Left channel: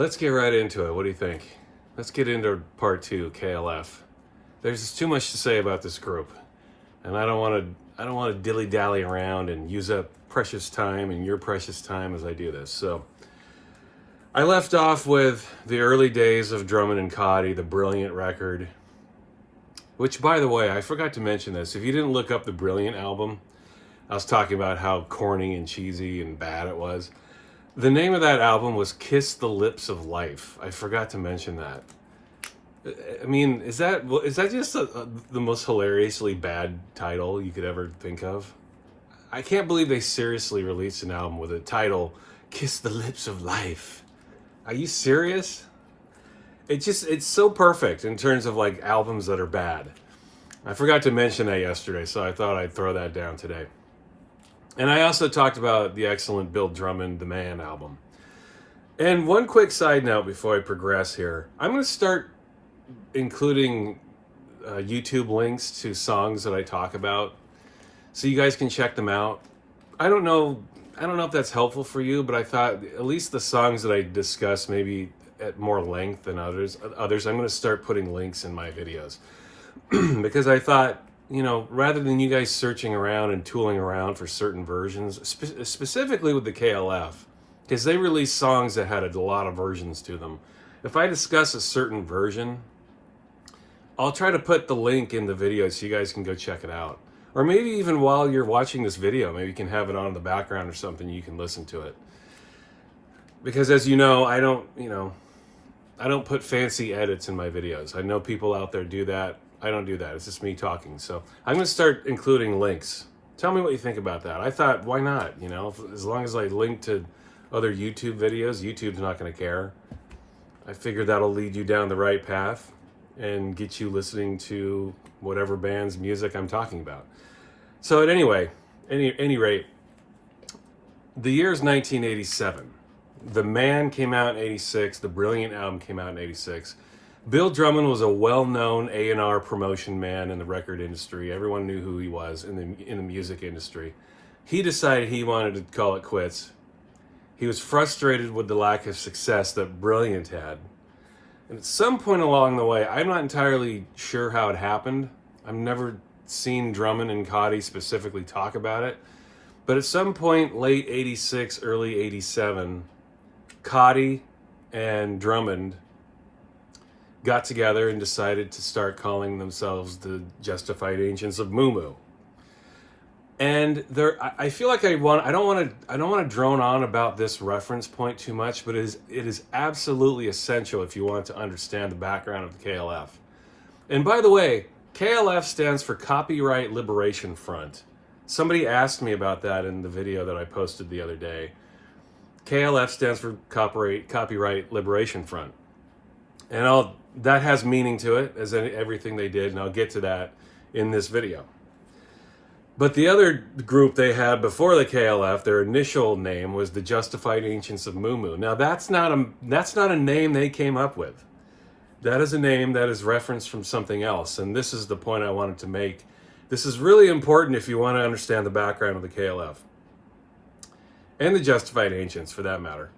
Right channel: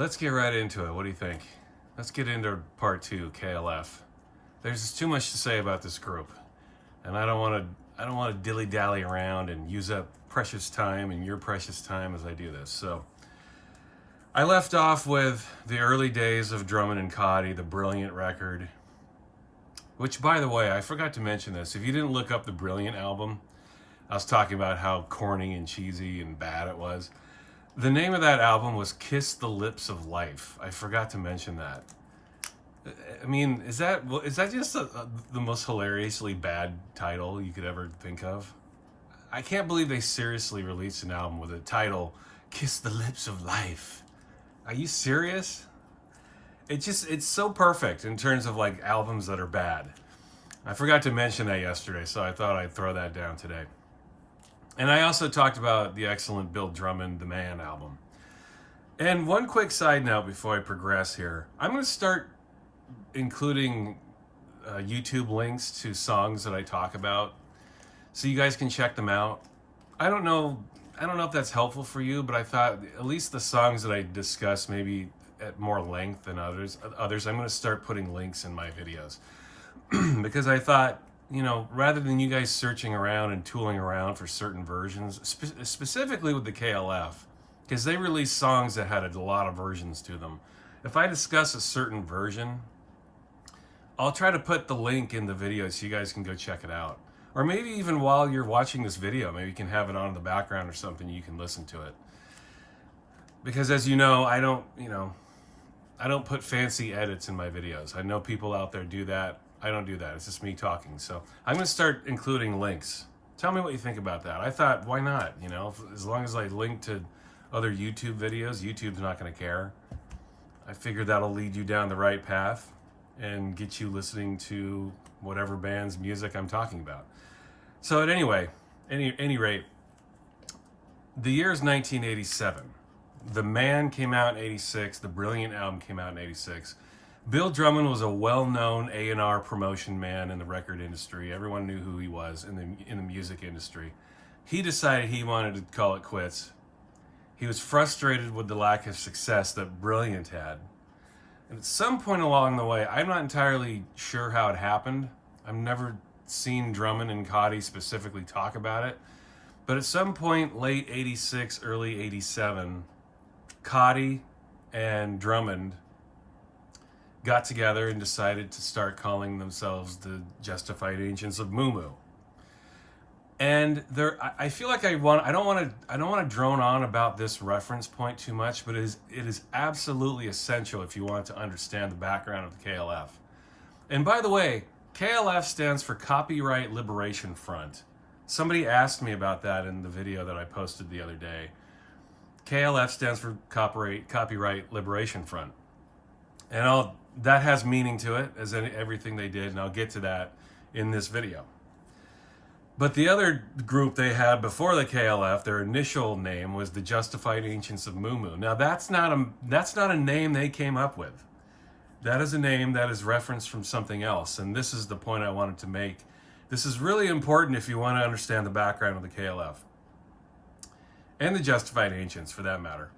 Let's get right into it. What do you think? Let's get into part 2, KLF. There's just too much to say about this group, and I don't want to dilly-dally around and use up precious time and your precious time as I do this. So I left off with the early days of Drummond and Cauty, the Brilliant record, which, by the way, I forgot to mention this. If you didn't look up the Brilliant album, I was talking about how corny and cheesy and bad it was. The name of that album was Kiss the Lips of Life. I forgot to mention that. I mean, is that just the most hilariously bad title you could ever think of? I can't believe they seriously released an album with a title, Kiss the Lips of Life. Are you serious? It's so perfect in terms of like albums that are bad. I forgot to mention that yesterday, so I thought I'd throw that down today. And I also talked about the excellent Bill Drummond, The Man album. And one quick side note before I progress here. I'm going to start including YouTube links to songs that I talk about so you guys can check them out. I don't know if that's helpful for you, but I thought at least the songs that I discuss maybe at more length than others, I'm going to start putting links in my videos. Because I thought, rather than you guys searching around and tooling around for certain versions, specifically with the KLF, because they released songs that had a lot of versions to them. If I discuss a certain version, I'll try to put the link in the video so you guys can go check it out. Or maybe even while you're watching this video, maybe you can have it on in the background or something, you can listen to it. Because as you know, I don't put fancy edits in my videos. I know people out there do that. I don't do that. It's just me talking. So I'm going to start including links. Tell me what you think about that. I thought, why not? As long as I link to other YouTube videos, YouTube's not going to care. I figured that'll lead you down the right path and get you listening to whatever band's music I'm talking about. So at any rate, the year's 1987. The Man came out in 86. The Brilliant album came out in 86. Bill Drummond was a well-known A&R promotion man in the record industry. Everyone knew who he was in the music industry. He decided he wanted to call it quits. He was frustrated with the lack of success that Brilliant had. And at some point along the way, I'm not entirely sure how it happened. I've never seen Drummond and Cauty specifically talk about it. But at some point, late 86, early 87, Cauty and Drummond got together and decided to start calling themselves the Justified Ancients of Moo Moo. And I feel like I don't want to drone on about this reference point too much, but it is absolutely essential if you want to understand the background of the KLF. And by the way, KLF stands for Copyright Liberation Front. Somebody asked me about that in the video that I posted the other day. KLF stands for Copyright Liberation Front. And that has meaning to it, as everything they did, and I'll get to that in this video. But the other group they had before the KLF, their initial name was the Justified Ancients of Moo Moo. Now that's not a name they came up with. That is a name that is referenced from something else, and this is the point I wanted to make. This is really important if you want to understand the background of the KLF. And the Justified Ancients, for that matter.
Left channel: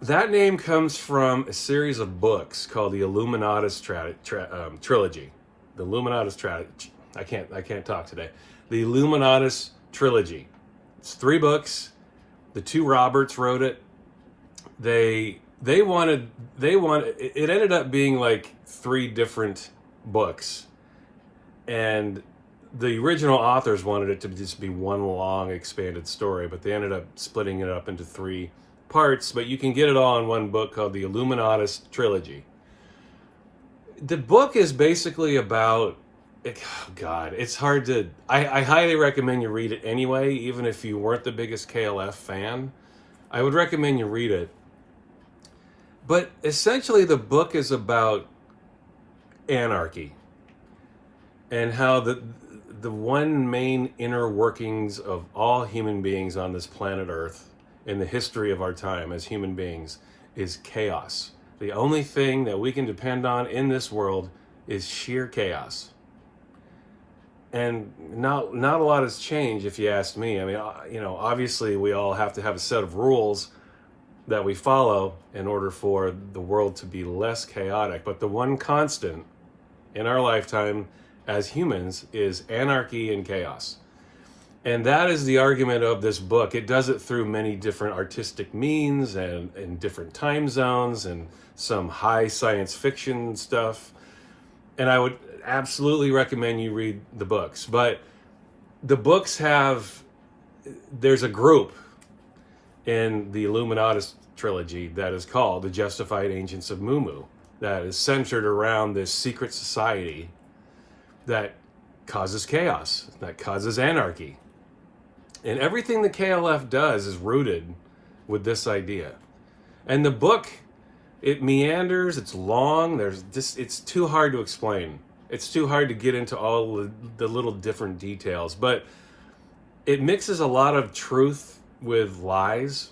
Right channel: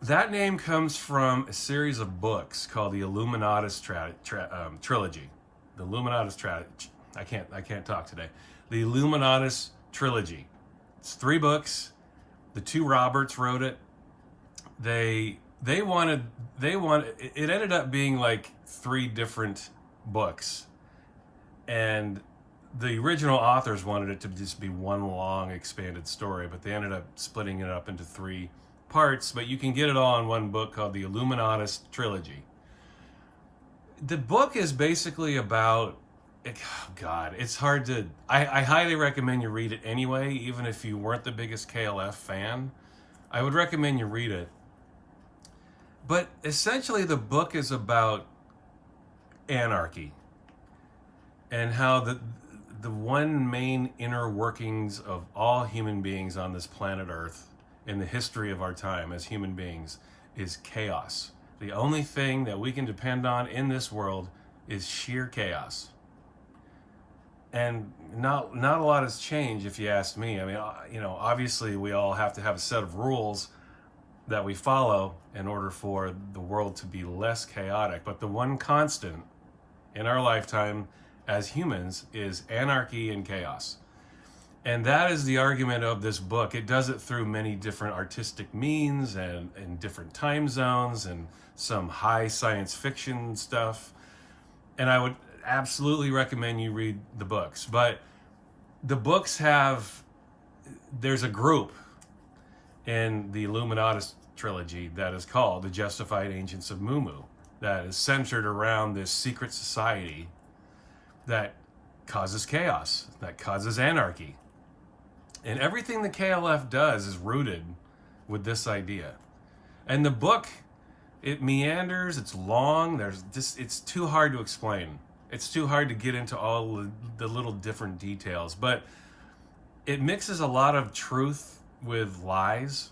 That name comes from a series of books called the Illuminatus Trilogy. The Illuminatus Trilogy. I can't talk today. The Illuminatus Trilogy. It's 3 books. The 2 Roberts wrote it. It ended up being like 3 different books. And the original authors wanted it to just be one long expanded story, but they ended up splitting it up into 3 parts, but you can get it all in one book called the Illuminatus Trilogy. The book is basically about, it's hard to, I highly recommend you read it anyway, even if you weren't the biggest KLF fan. I would recommend you read it. But essentially the book is about anarchy and how the one main inner workings of all human beings on this planet Earth in the history of our time as human beings is chaos. The only thing that we can depend on in this world is sheer chaos. And not a lot has changed, if you ask me. I mean, obviously we all have to have a set of rules, that we follow in order for the world to be less chaotic. But the one constant in our lifetime as humans is anarchy and chaos. And that is the argument of this book. It does it through many different artistic means and in different time zones and some high science fiction stuff. And I would absolutely recommend you read the books. But the books there's a group in the Illuminatus Trilogy that is called the Justified Ancients of Mu, that is centered around this secret society that causes chaos, that causes anarchy. And everything the KLF does is rooted with this idea. And the book, it meanders, it's long, it's too hard to explain. It's too hard to get into all the little different details, but it mixes a lot of truth with lies,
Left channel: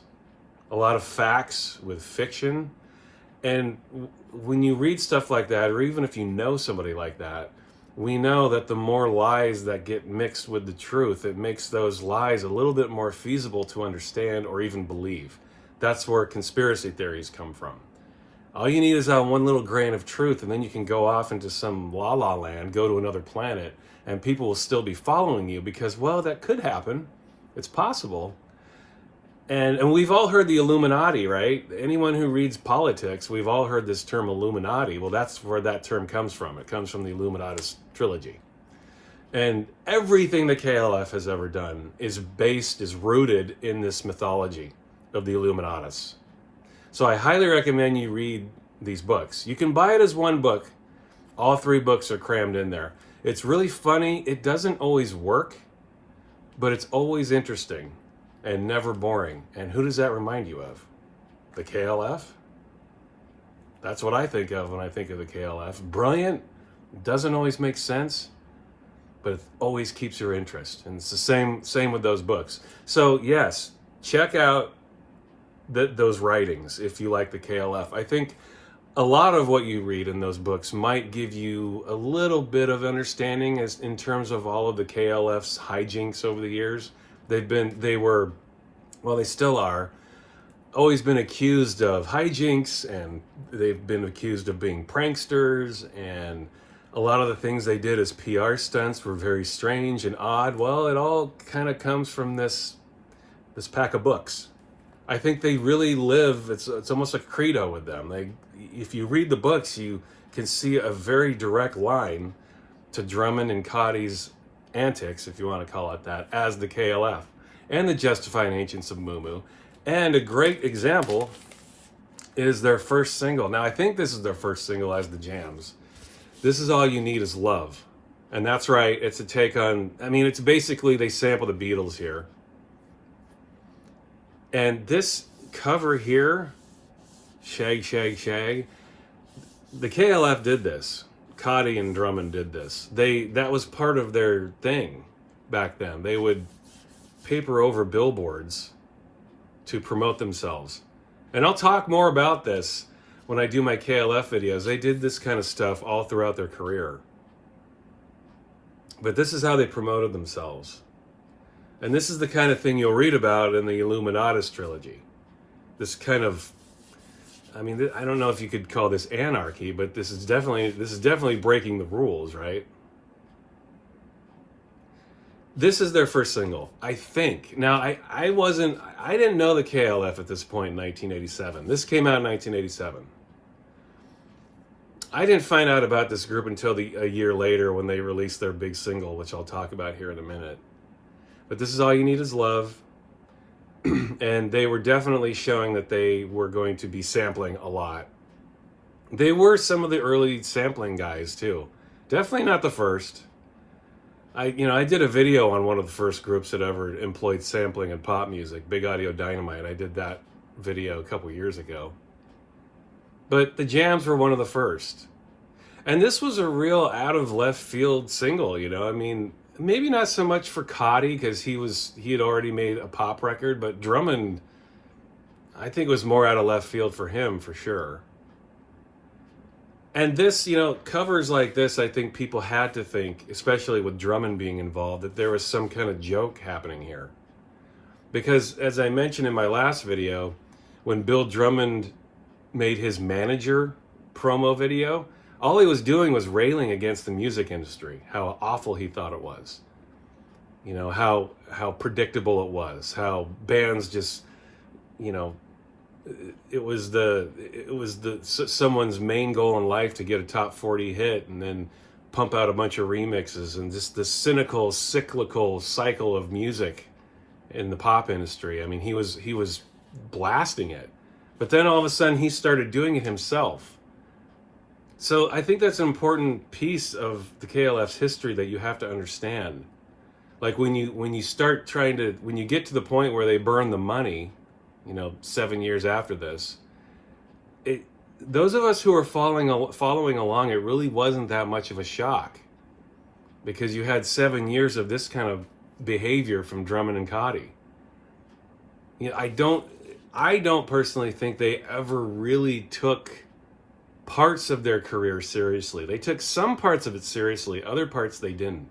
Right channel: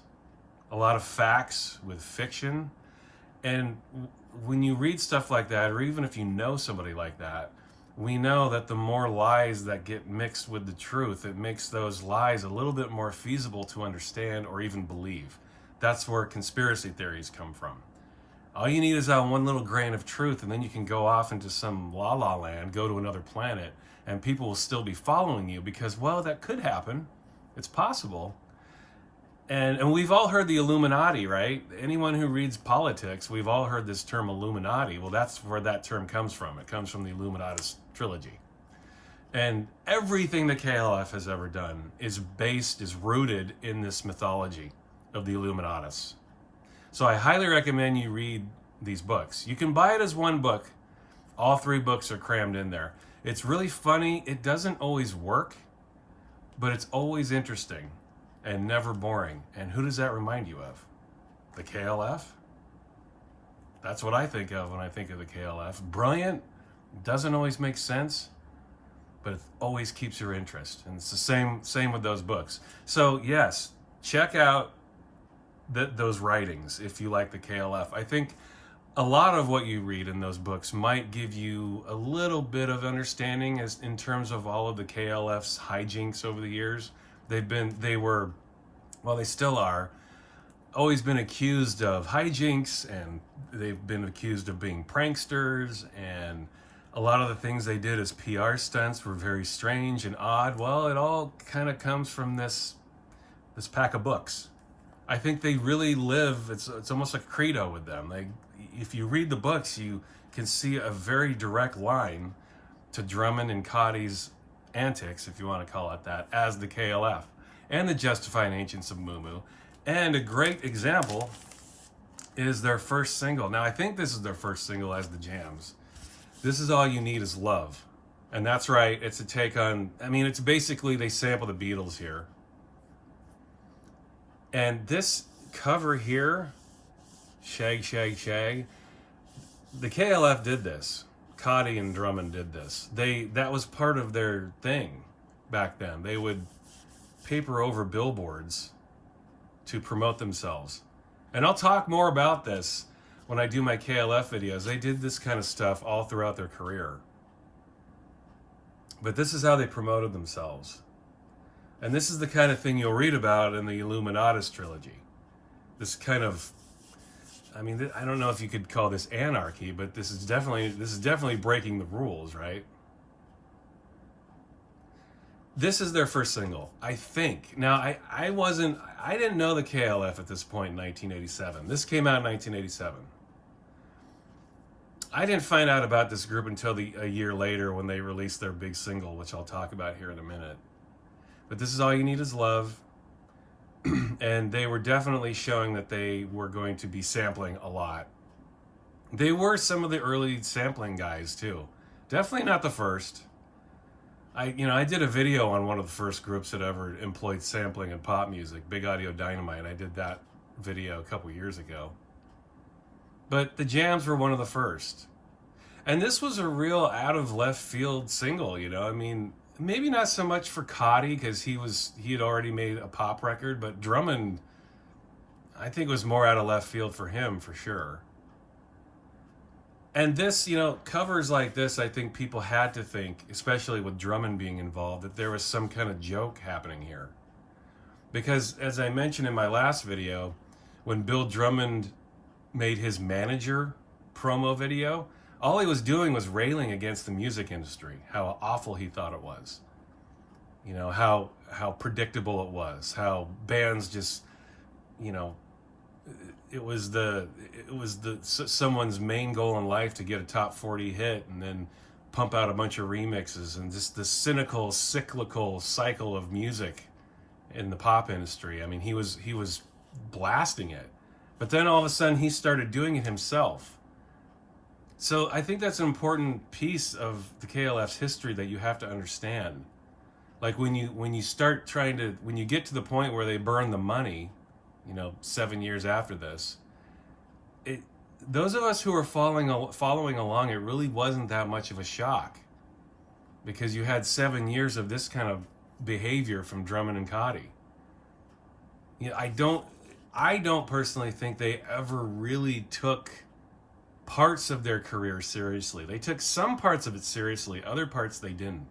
a lot of facts with fiction. And when you read stuff like that, or even if you know somebody like that, we know that the more lies that get mixed with the truth, it makes those lies a little bit more feasible to understand or even believe. That's where conspiracy theories come from. All you need is that one little grain of truth, and then you can go off into some la-la land, go to another planet, and people will still be following you because, well, that could happen. It's possible. And we've all heard the Illuminati, right? Anyone who reads politics, we've all heard this term Illuminati. Well, that's where that term comes from. It comes from the Illuminatus Trilogy. And everything the KLF has ever done is rooted in this mythology of the Illuminatus. So I highly recommend you read these books. You can buy it as one book. All 3 books are crammed in there. It's really funny. It doesn't always work, but it's always interesting and never boring. And who does that remind you of? The KLF? That's what I think of when I think of the KLF. Brilliant, doesn't always make sense, but it always keeps your interest. And it's the same with those books. So yes, check out those writings if you like the KLF. I think a lot of what you read in those books might give you a little bit of understanding as in terms of all of the KLF's hijinks over the years. They still are, always been accused of hijinks, and they've been accused of being pranksters, and a lot of the things they did as PR stunts were very strange and odd. Well, it all kind of comes from this pack of books. I think they really live, it's almost a credo with them. If you read the books, you can see a very direct line to Drummond and Cauty's antics, if you want to call it that, as the KLF and the Justified Ancients of Mu. And a great example is their first single. Now, I think this is their first single as the Jams. This is All You Need Is Love. And that's right, it's a take on, it's basically they sample the Beatles here. And this cover here, Shag, Shag, Shag, the KLF did this. Cauty and Drummond did this. That was part of their thing back then. They would paper over billboards to promote themselves. And I'll talk more about this when I do my KLF videos. They did this kind of stuff all throughout their career. But this is how they promoted themselves. And this is the kind of thing you'll read about in the Illuminatus Trilogy. This kind of, I don't know if you could call this anarchy, but this is definitely breaking the rules, right? This is their first single, I think. Now, I didn't know the KLF at this point in 1987. This came out in 1987. I didn't find out about this group until a year later when they released their big single, which I'll talk about here in a minute. But This Is All You Need Is Love. And they were definitely showing that they were going to be sampling a lot. They were some of the early sampling guys too. Definitely not the first. I did a video on one of the first groups that ever employed sampling in pop music, Big Audio Dynamite. I did that video a couple years ago. But the Jams were one of the first. And this was a real out of left field single, maybe not so much for Cauty because he had already made a pop record, but Drummond, I think, was more out of left field for him for sure. And this, covers like this, I think people had to think, especially with Drummond being involved, that there was some kind of joke happening here. Because as I mentioned in my last video, when Bill Drummond made his Manager promo video, all he was doing was railing against the music industry, how awful he thought it was. You know, how predictable it was, how bands just, you know, it was someone's main goal in life to get a top 40 hit and then pump out a bunch of remixes, and just the cynical, cyclical cycle of music in the pop industry. I mean, he was blasting it, but then all of a sudden he started doing it himself. So I think that's an important piece of the KLF's history that you have to understand. Like when you start trying to, when you get to the point where they burn the money, you know, 7 years after this, those of us who are following along, it really wasn't that much of a shock, because you had 7 years of this kind of behavior from Drummond and Cauty. You know, I don't personally think they ever really took parts of their career seriously. They took some parts of it seriously, other parts they didn't.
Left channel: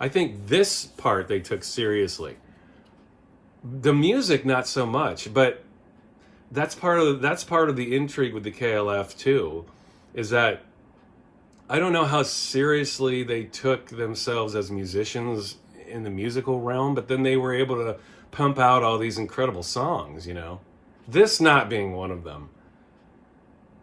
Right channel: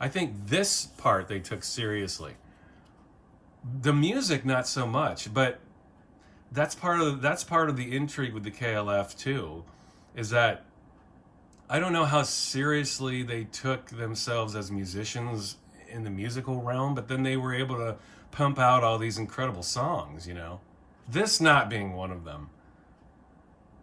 I think this part they took seriously. The music, not so much, but that's part of the intrigue with the KLF too, is that I don't know how seriously they took themselves as musicians in the musical realm, but then they were able to pump out all these incredible songs, you know, this not being one of them.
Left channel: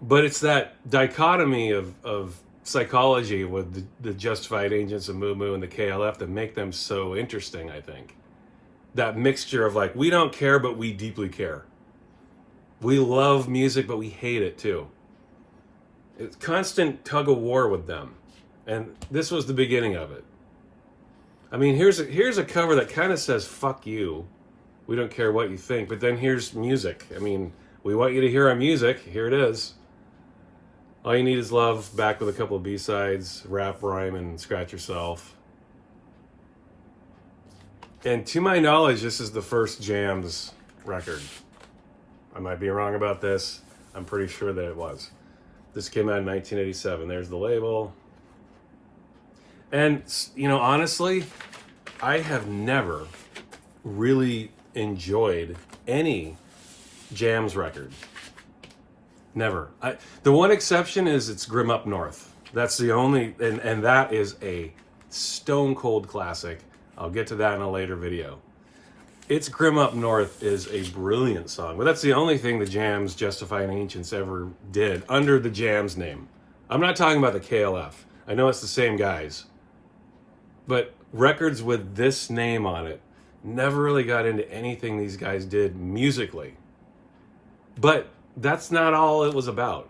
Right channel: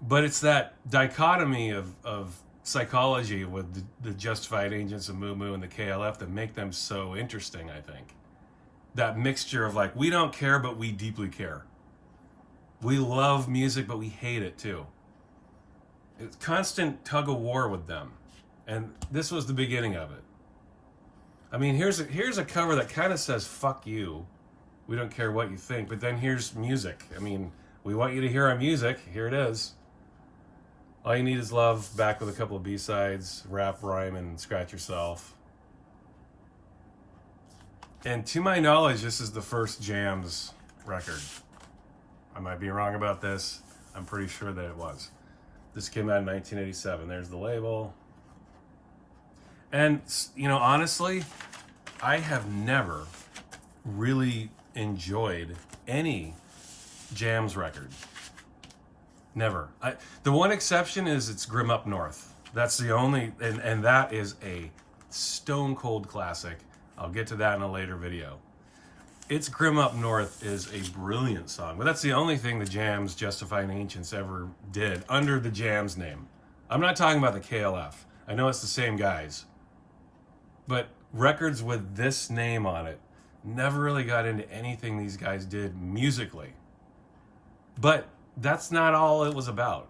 But it's that dichotomy of psychology with the Justified Agents of Moo Moo and the KLF that make them so interesting, I think. That mixture of like, we don't care, but we deeply care. We love music, but we hate it too. It's constant tug of war with them. And this was the beginning of it. I mean, here's a cover that kind of says, fuck you. We don't care what you think. But then here's music. I mean, we want you to hear our music. Here it is. All You Need Is Love, back with a couple of B-sides, rap, rhyme, and scratch yourself. And to my knowledge, this is the first Jams record. I might be wrong about this. I'm pretty sure that it was. This came out in 1987. There's the label. And, you know, honestly, I have never really enjoyed any Jams record. Never. The one exception is it's Grim Up North. That's the only, and that is a stone cold classic. I'll get to that in a later video. It's Grim Up North is a brilliant song, but that's the only thing the Jams, Justified Ancients, ever did under the Jams name. I'm not talking about the KLF. I know it's the same guys, but records with this name on it never really got into anything these guys did musically. But that's not all it was about.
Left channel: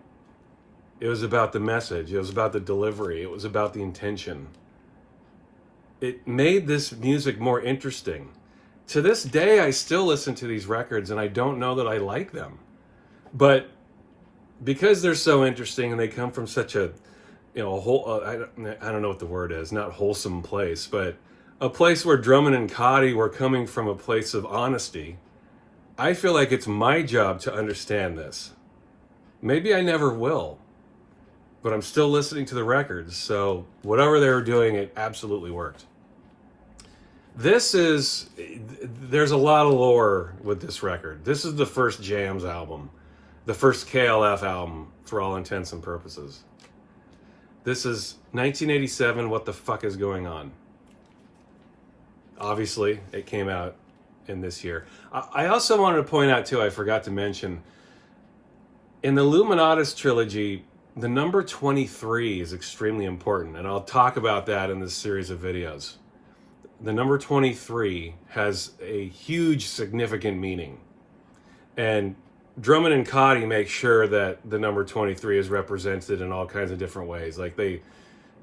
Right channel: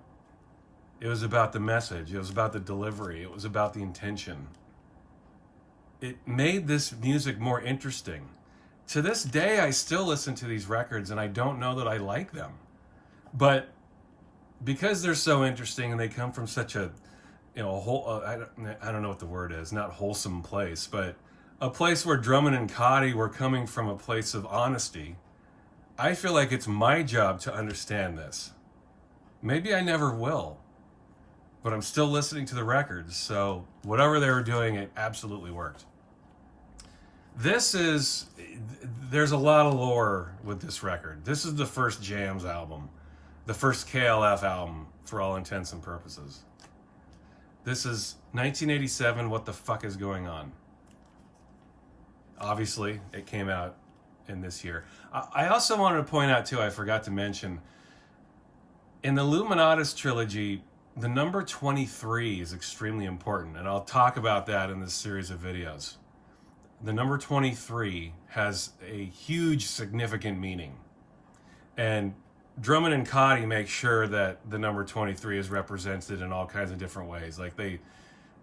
It was about the message. It was about the delivery. It was about the intention. It made this music more interesting. To this day, I still listen to these records and I don't know that I like them. But because they're so interesting and they come from such a, you know, a whole, I don't know what the word is, not wholesome place, but a place where Drummond and Cauty were coming from a place of honesty, I feel like it's my job to understand this. Maybe I never will, but I'm still listening to the records, so whatever they were doing, it absolutely worked. There's a lot of lore with this record. This is the first Jams album, the first KLF album for all intents and purposes. This is 1987, What the Fuck Is Going On? Obviously, it came out in this year. I also wanted to point out too, I forgot to mention, in the Illuminatus Trilogy, the number 23 is extremely important, and I'll talk about that in this series of videos. The number 23 has a huge significant meaning, and Drummond and Cauty make sure that the number 23 is represented in all kinds of different ways. Like, they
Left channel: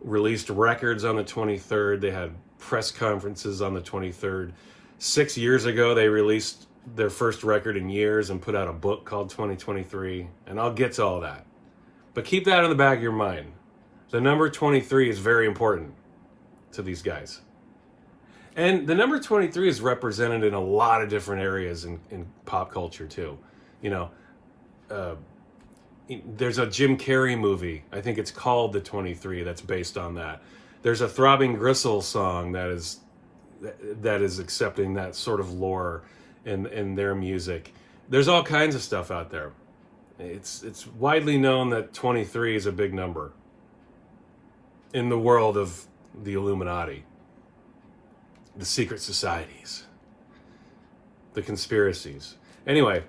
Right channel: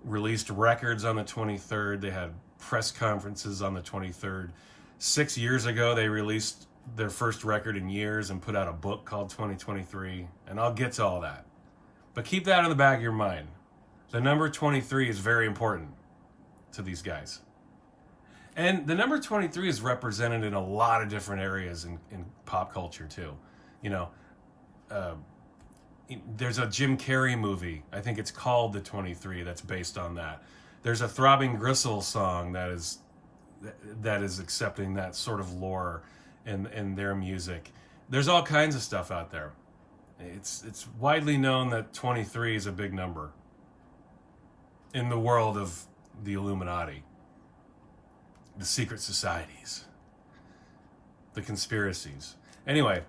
released records on the 23rd, they had press conferences on the 23rd. 6 years ago, they released their first record in years and put out a book called 2023, and I'll get to all that. But keep that in the back of your mind. The number 23 is very important to these guys. And the number 23 is represented in a lot of different areas in pop culture too. You know, there's a Jim Carrey movie, I think it's called The 23, that's based on that. There's a Throbbing Gristle song that is accepting that sort of lore in their music. There's all kinds of stuff out there. It's widely known that 23 is a big number in the world of the Illuminati, the secret societies, the conspiracies. Anyway,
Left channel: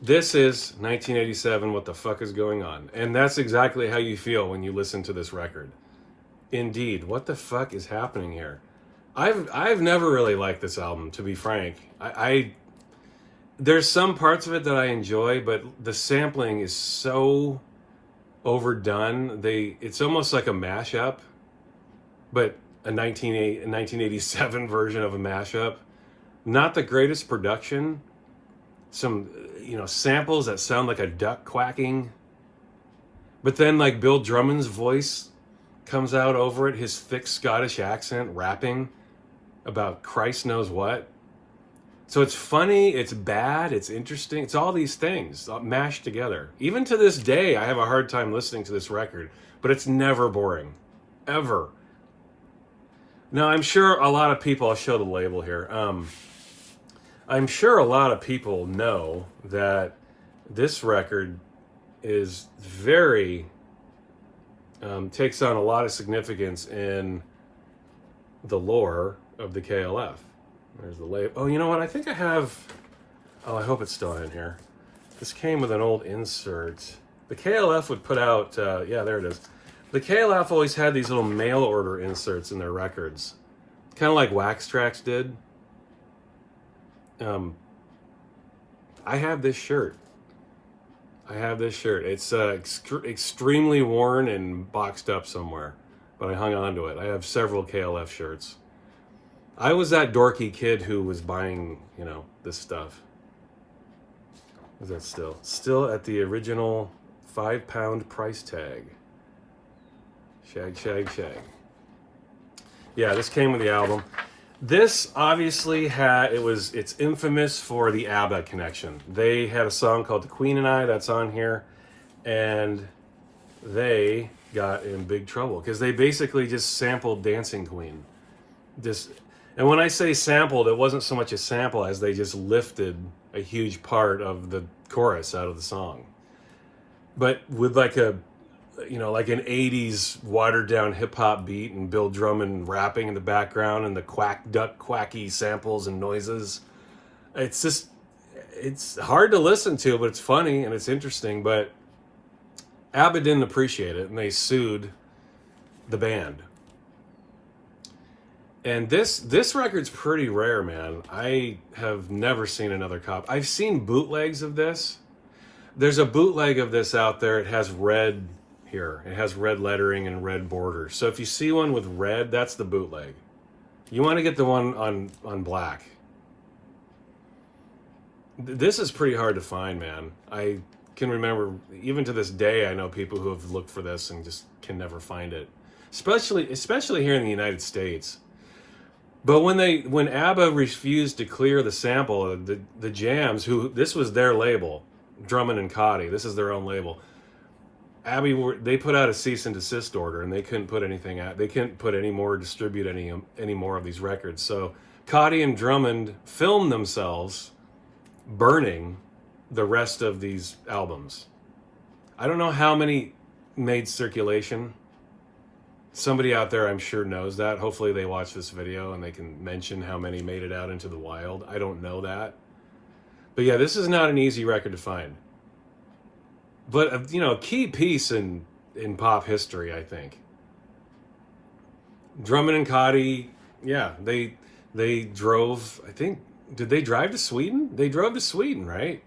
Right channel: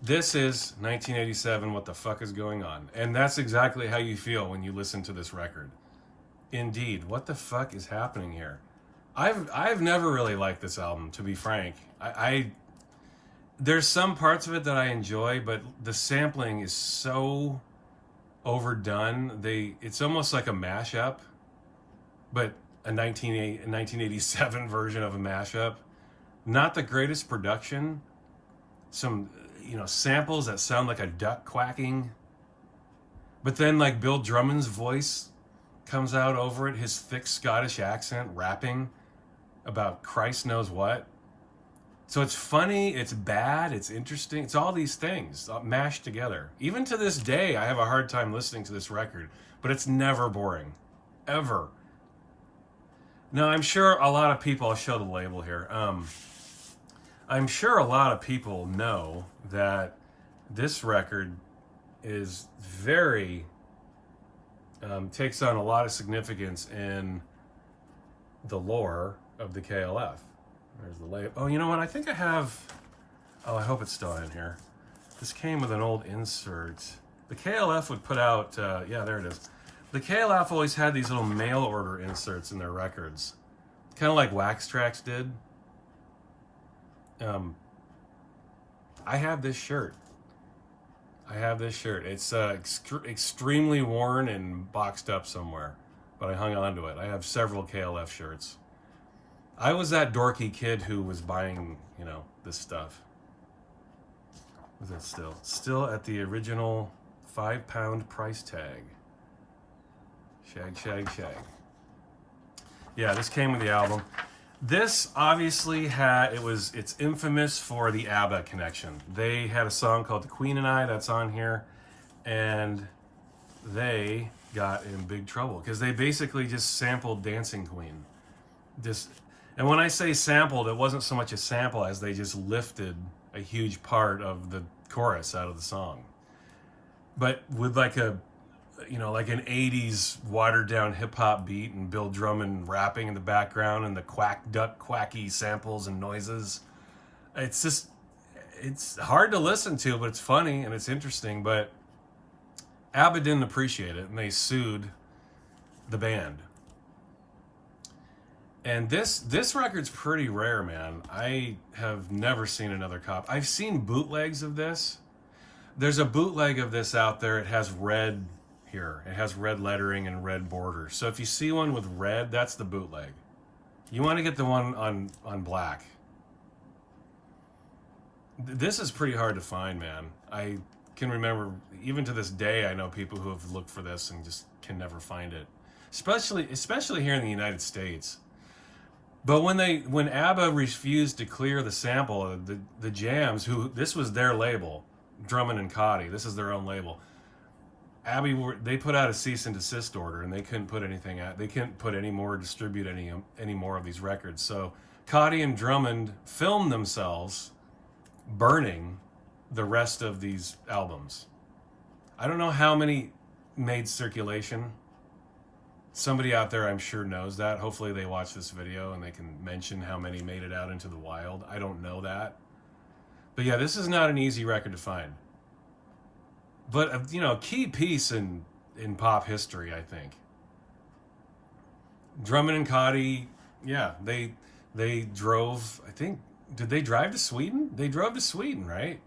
this is 1987. What the fuck is going on? And that's exactly how you feel when you listen to this record. Indeed, what the fuck is happening here? I've never really liked this album, to be frank. There's some parts of it that I enjoy, but the sampling is so overdone. It's almost like a mashup, but a 1987 version of a mashup. Not the greatest production. Some, samples that sound like a duck quacking. But then like Bill Drummond's voice comes out over it, his thick Scottish accent, rapping about Christ knows what. So it's funny, it's bad, it's interesting. It's all these things mashed together. Even to this day, I have a hard time listening to this record, but it's never boring. Ever. Now, I'm sure a lot of people, I'll show the label here. I'm sure a lot of people know that this record is very, takes on a lot of significance in the lore of the KLF. There's the label. Oh, you know what? I think I have... Oh, I hope it's still in here. This came with an old insert. The KLF would put out... yeah, there it is. The KLF always had these little mail order inserts in their records. Kind of like Wax Trax did. I have this shirt. It's extremely worn and boxed up somewhere, but I hung on to it. I have several KLF shirts. I was that dorky kid who was buying, this stuff. Was that still? Still at the original £5 price tag. Shag, shag, shag. Yeah, this came with the album. This obviously it's infamous for the Abba connection. They had a song called The Queen and I that's on here, and they got in big trouble because they basically just sampled Dancing Queen. And when I say sampled, it wasn't so much a sample as they just lifted a huge part of the chorus out of the song. But with like an 80s watered down hip hop beat and Bill Drummond rapping in the background and the quack duck quacky samples and noises. It's hard to listen to, but it's funny and it's interesting. But Abba didn't appreciate it and they sued the band. And this record's pretty rare, man. I have never seen another copy. I've seen bootlegs of this. There's a bootleg of this out there. It has red here. It has red lettering and red borders. So if you see one with red, that's the bootleg. You want to get the one on black. This is pretty hard to find, man. I can remember, even to this day, I know people who have looked for this and just can never find it. Especially here in the United States. But when ABBA refused to clear the sample, the Jams, this was their label, Drummond and Cauty, this is their own label. They put out a cease and desist order, and they couldn't put anything out. They couldn't put distribute any more of these records. So Cauty and Drummond filmed themselves burning the rest of these albums. I don't know how many made circulation. Somebody out there, I'm sure, knows that. Hopefully they watch this video and they can mention how many made it out into the wild. I don't know that. But yeah, this is not an easy record to find. But, a key piece in pop history, I think. Drummond and Cauty, yeah, they drove, I think, did they drive to Sweden? They drove to Sweden, right?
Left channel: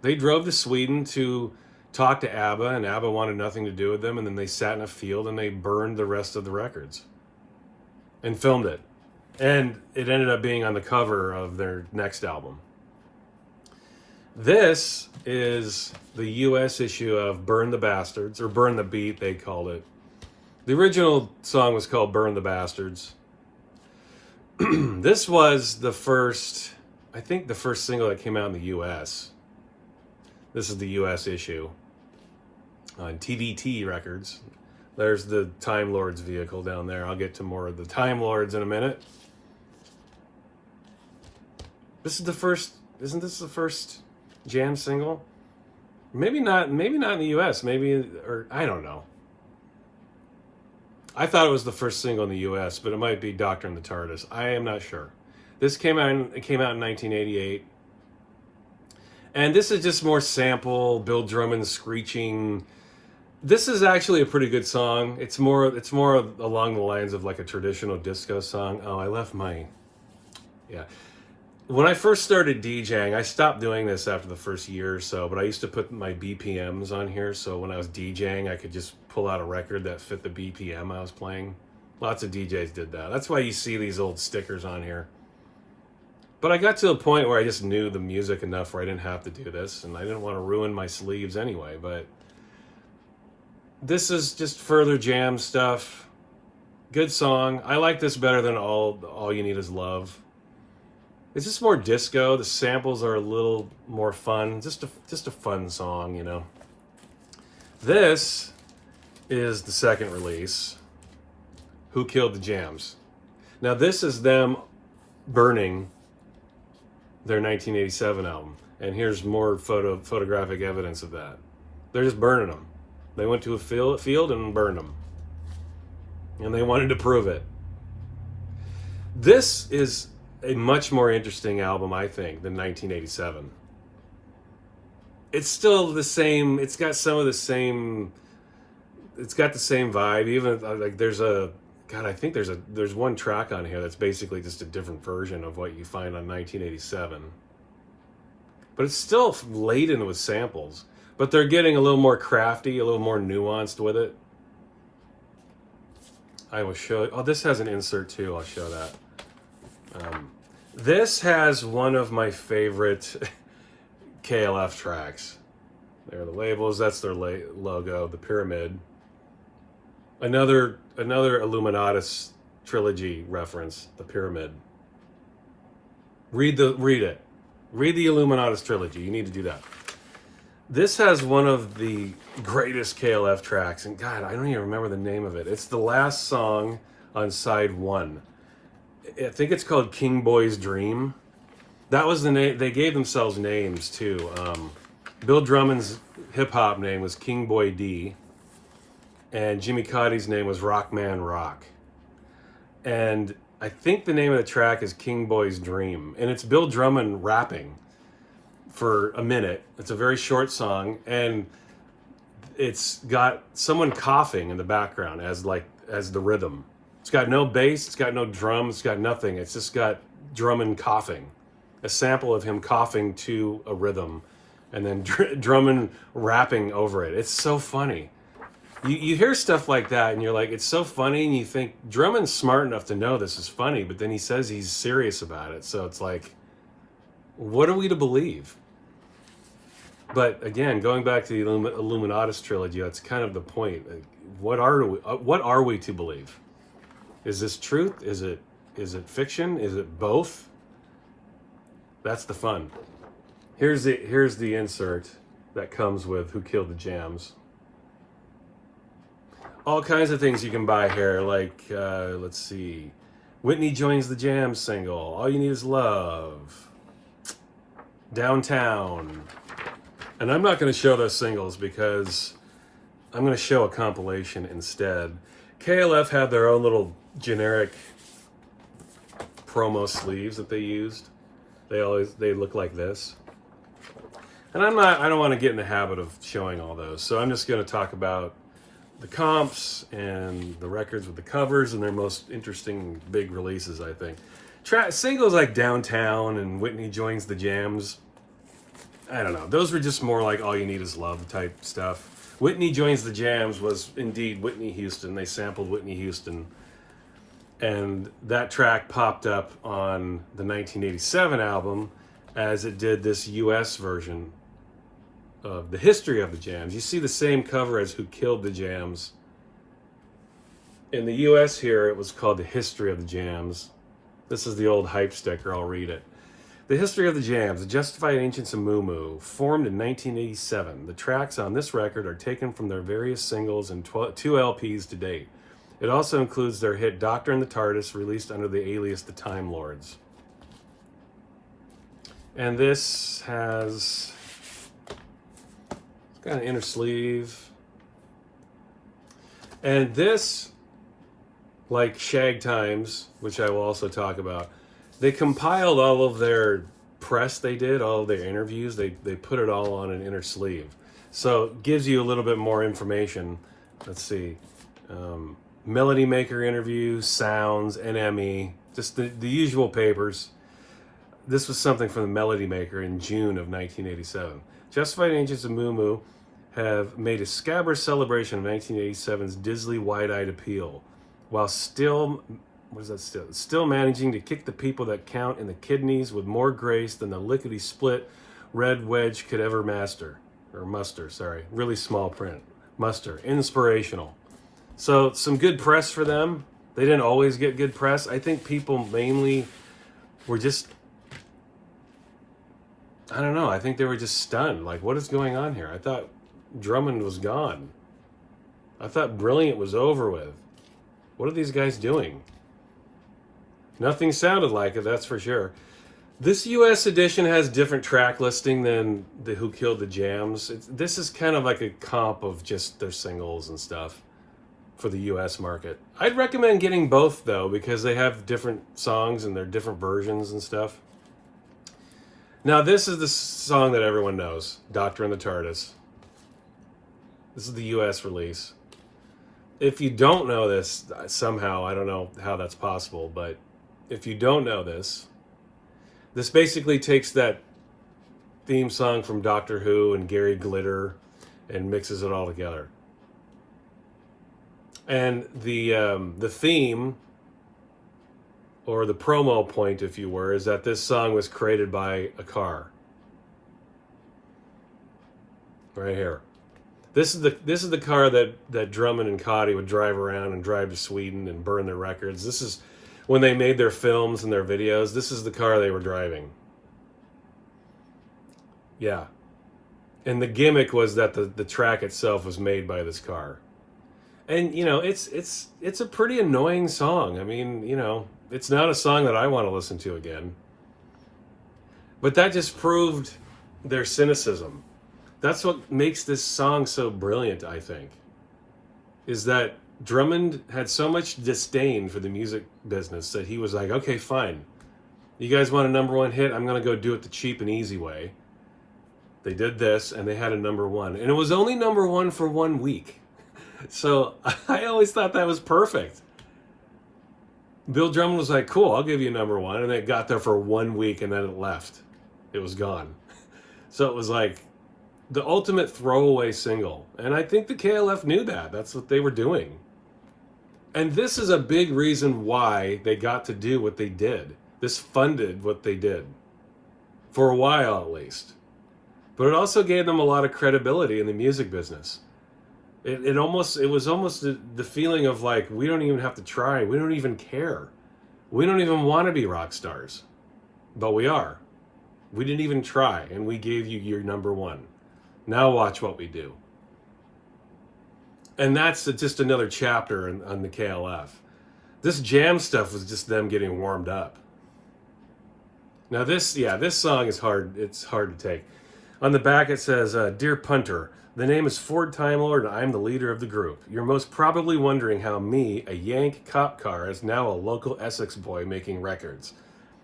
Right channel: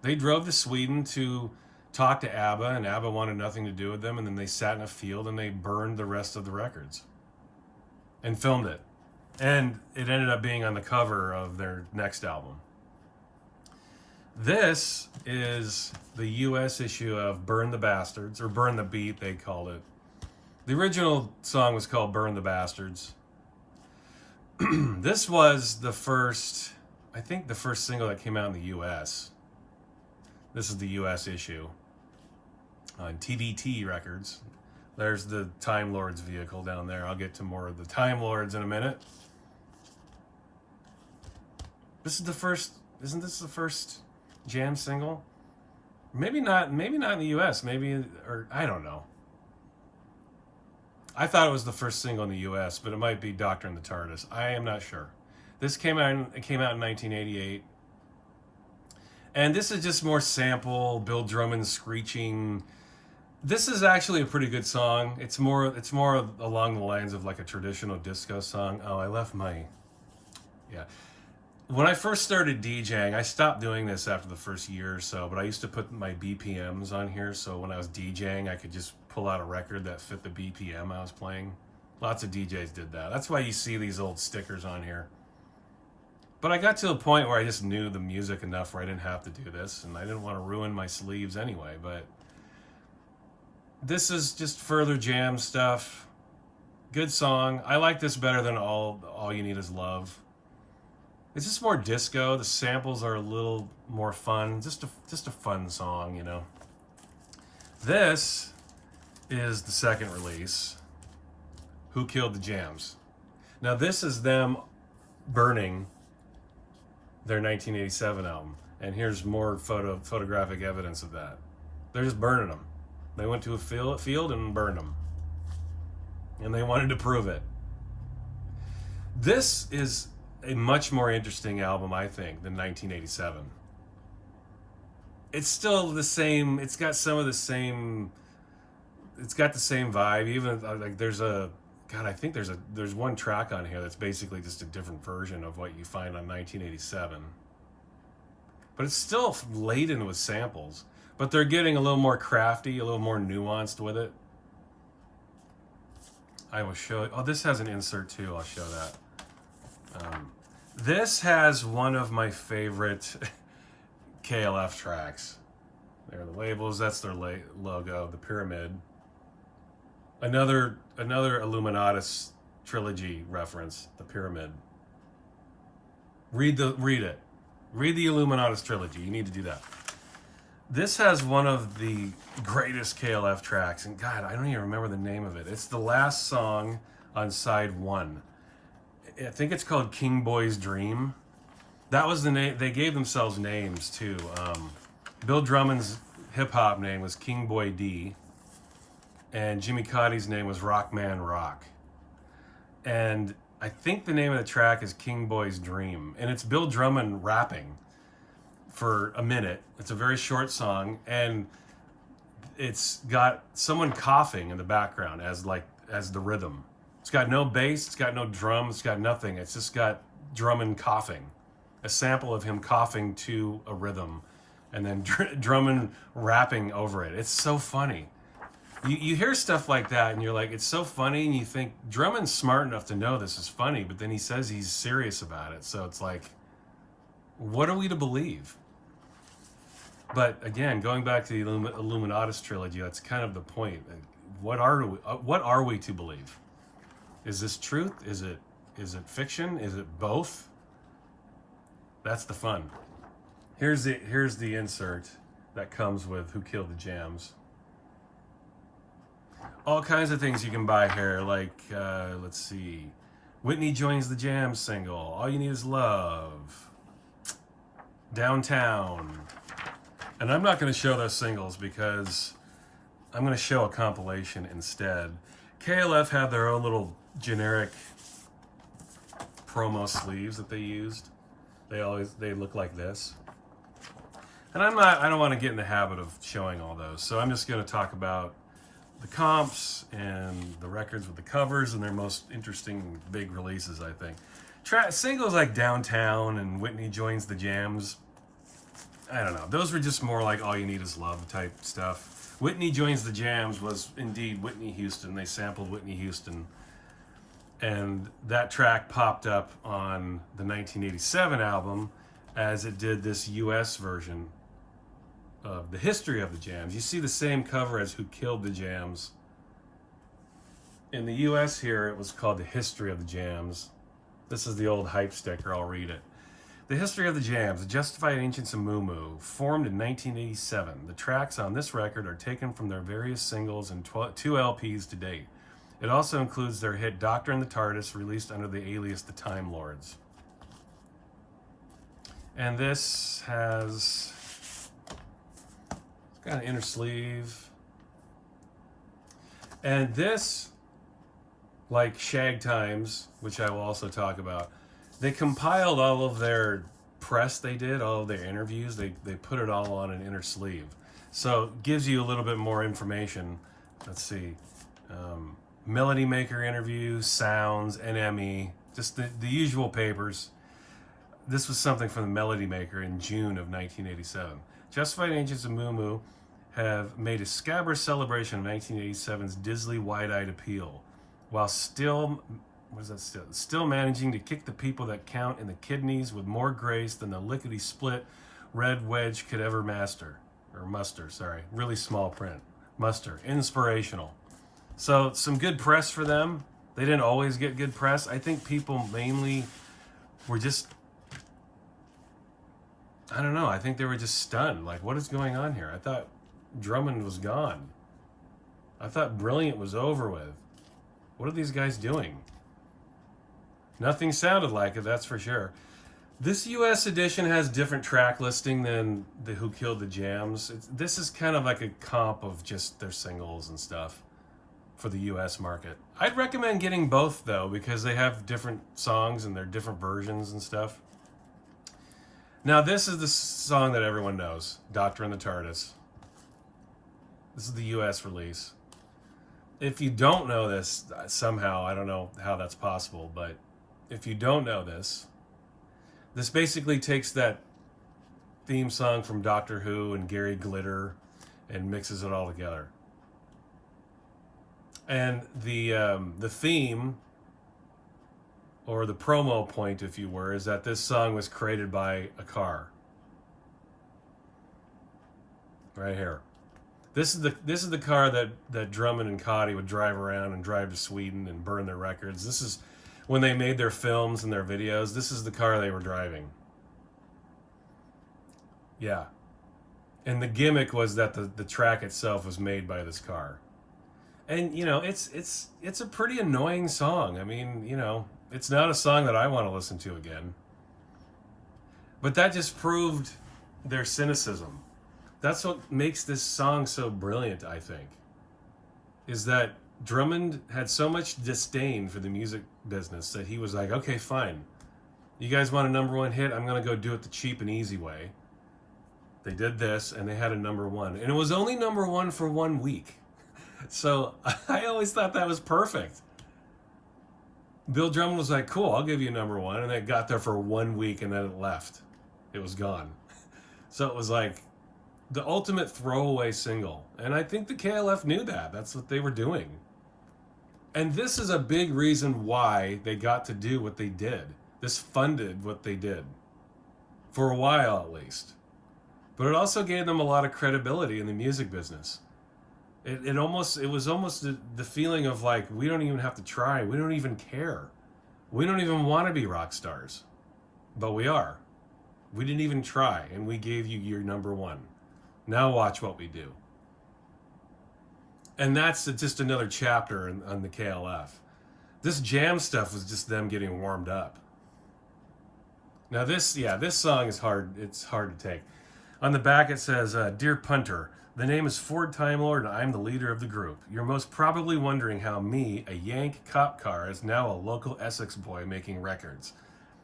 They drove to Sweden to talk to ABBA, and ABBA wanted nothing to do with them, and then they sat in a field and they burned the rest of the records and filmed it. And it ended up being on the cover of their next album. This is the US issue of Burn the Bastards, or Burn the Beat, they called it. The original song was called Burn the Bastards. This was the first single that came out in the US. This is the US issue on TVT Records. There's the Time Lords vehicle down there. I'll get to more of the Time Lords in a minute. Isn't this the first Jam single. Maybe not in the US, or I don't know. I thought it was the first single in the US, but it might be Doctor and the TARDIS. I am not sure. It came out in 1988. And this is just more sample, Bill Drummond screeching. This is actually a pretty good song. It's more along the lines of like a traditional disco song. Oh, I left my... Yeah. When I first started DJing, I stopped doing this after the first year or so, but I used to put my BPMs on here, so when I was DJing, I could just pull out a record that fit the BPM I was playing. Lots of DJs did that. That's why you see these old stickers on here. But I got to a point where I just knew the music enough where I didn't have to do this, and I didn't want to ruin my sleeves anyway, but this is just further jam stuff. Good song. I like this better than All You Need Is Love. It's just more disco. The samples are a little more fun. Just a fun song, you know. This is the second release, Who Killed the Jams. Now this is them burning their 1987 album. And here's more photographic evidence of that. They're just burning them. They went to a field and burned them. And they wanted to prove it. This is a much more interesting album, I think, than 1987. It's still the same. It's got some of the same. It's got the same vibe. Even like I think there's one track on here that's basically just a different version of what you find on 1987. But it's still laden with samples. But they're getting a little more crafty, a little more nuanced with it. I will show. Oh, this has an insert too. I'll show that. This has one of my favorite KLF tracks. There are the labels. That's their logo, the pyramid. Another Illuminatus Trilogy reference, the pyramid. Read it. Read the Illuminatus Trilogy. You need to do that. This has one of the greatest KLF tracks, and God, I don't even remember the name of it. It's the last song on side 1. I think it's called King Boy's Dream. That was the name. They gave themselves names too. Bill Drummond's hip hop name was King Boy D, and Jimi Cauty's name was Rockman Rock. And I think the name of the track is King Boy's Dream, and it's Bill Drummond rapping for a minute. It's a very short song, and it's got someone coughing in the background as the rhythm. It's got no bass, it's got no drums, it's got nothing. It's just got Drummond coughing. A sample of him coughing to a rhythm, and then Drummond rapping over it. It's so funny. You hear stuff like that, and you're like, it's so funny, and you think, Drummond's smart enough to know this is funny, but then he says he's serious about it. So it's like, what are we to believe? But again, going back to the Illuminatus Trilogy, that's kind of the point. What are we to believe? Is this truth? Is it fiction? Is it both? That's the fun. Here's the insert that comes with Who Killed the Jams. All kinds of things you can buy here, like let's see, Whitney Joins the Jams single, All You Need Is Love, Downtown. And I'm not going to show those singles because I'm going to show a compilation instead. KLF had their own little generic promo sleeves that they used. They look like this. And I don't want to get in the habit of showing all those. So I'm just going to talk about the comps and the records with the covers and their most interesting big releases, I think. Singles like Downtown and Whitney Joins the Jams, I don't know. Those were just more like All You Need Is Love type stuff. Whitney Joins the Jams was indeed Whitney Houston. They sampled Whitney Houston. And that track popped up on the 1987 album as it did this US version of The History of the Jams. You see the same cover as Who Killed the Jams. In the US here, it was called The History of the Jams. This is the old hype sticker. I'll read it. The History of the Jams, The Justified Ancients of Moo Moo, formed in 1987. The tracks on this record are taken from their various singles and 2 LPs to date. It also includes their hit Doctor and the TARDIS, released under the alias The Time Lords. And this has Got an inner sleeve. And this, like Shag Times, which I will also talk about, they compiled all of their press they did, all of their interviews. They put it all on an inner sleeve. So it gives you a little bit more information. Let's see. Melody Maker interviews, sounds, NME, just the usual papers. This was something from the Melody Maker in June of 1987. Justified Angels of Moo Moo have made a scabrous celebration of 1987's Disley wide-eyed appeal, while still managing to kick the people that count in the kidneys with more grace than the lickety-split red wedge could ever muster. Really small print. Muster. Inspirational. So some good press for them. They didn't always get good press. I think people mainly were just, I don't know, I think they were just stunned. Like, what is going on here? I thought Drummond was gone. I thought Brilliant was over with. What are these guys doing? Nothing sounded like it, that's for sure. This US edition has different track listing than the Who Killed the Jams. This is kind of like a comp of just their singles and stuff for the US market. I'd recommend getting both though, because they have different songs and they're different versions and stuff. Now this is the song that everyone knows, Doctor and the TARDIS. This is the US release. If you don't know this somehow, I don't know how that's possible, but if you don't know this basically takes that theme song from Doctor Who and Gary Glitter and mixes it all together. And the theme, or the promo point, if you were, is that this song was created by a car. Right here. This is the car that Drummond and Cauty would drive around and drive to Sweden and burn their records. This is when they made their films and their videos. This is the car they were driving. Yeah. And the gimmick was that the track itself was made by this car. And, you know, it's a pretty annoying song. I mean, you know, it's not a song that I want to listen to again. But that just proved their cynicism. That's what makes this song so brilliant, I think. Is that Drummond had so much disdain for the music business that he was like, okay, fine. You guys want a number one hit? I'm going to go do it the cheap and easy way. They did this, and they had a number one. And it was only number one for 1 week. So I always thought that was perfect. Bill Drummond was like, cool, I'll give you number one. And it got there for 1 week, and then it left. It was gone. So it was like the ultimate throwaway single. And I think the KLF knew that. That's what they were doing. And this is a big reason why they got to do what they did. This funded what they did. For a while, at least. But it also gave them a lot of credibility in the music business. It was almost the feeling of like, we don't even have to try. We don't even care. We don't even want to be rock stars. But we are. We didn't even try, and we gave you your number one. Now watch what we do. And that's just another chapter on the KLF. This jam stuff was just them getting warmed up. Now this song is hard. It's hard to take. On the back it says, Dear Punter, the name is Ford Time Lord and I'm the leader of the group. You're most probably wondering how me, a Yank cop car, is now a local Essex boy making records.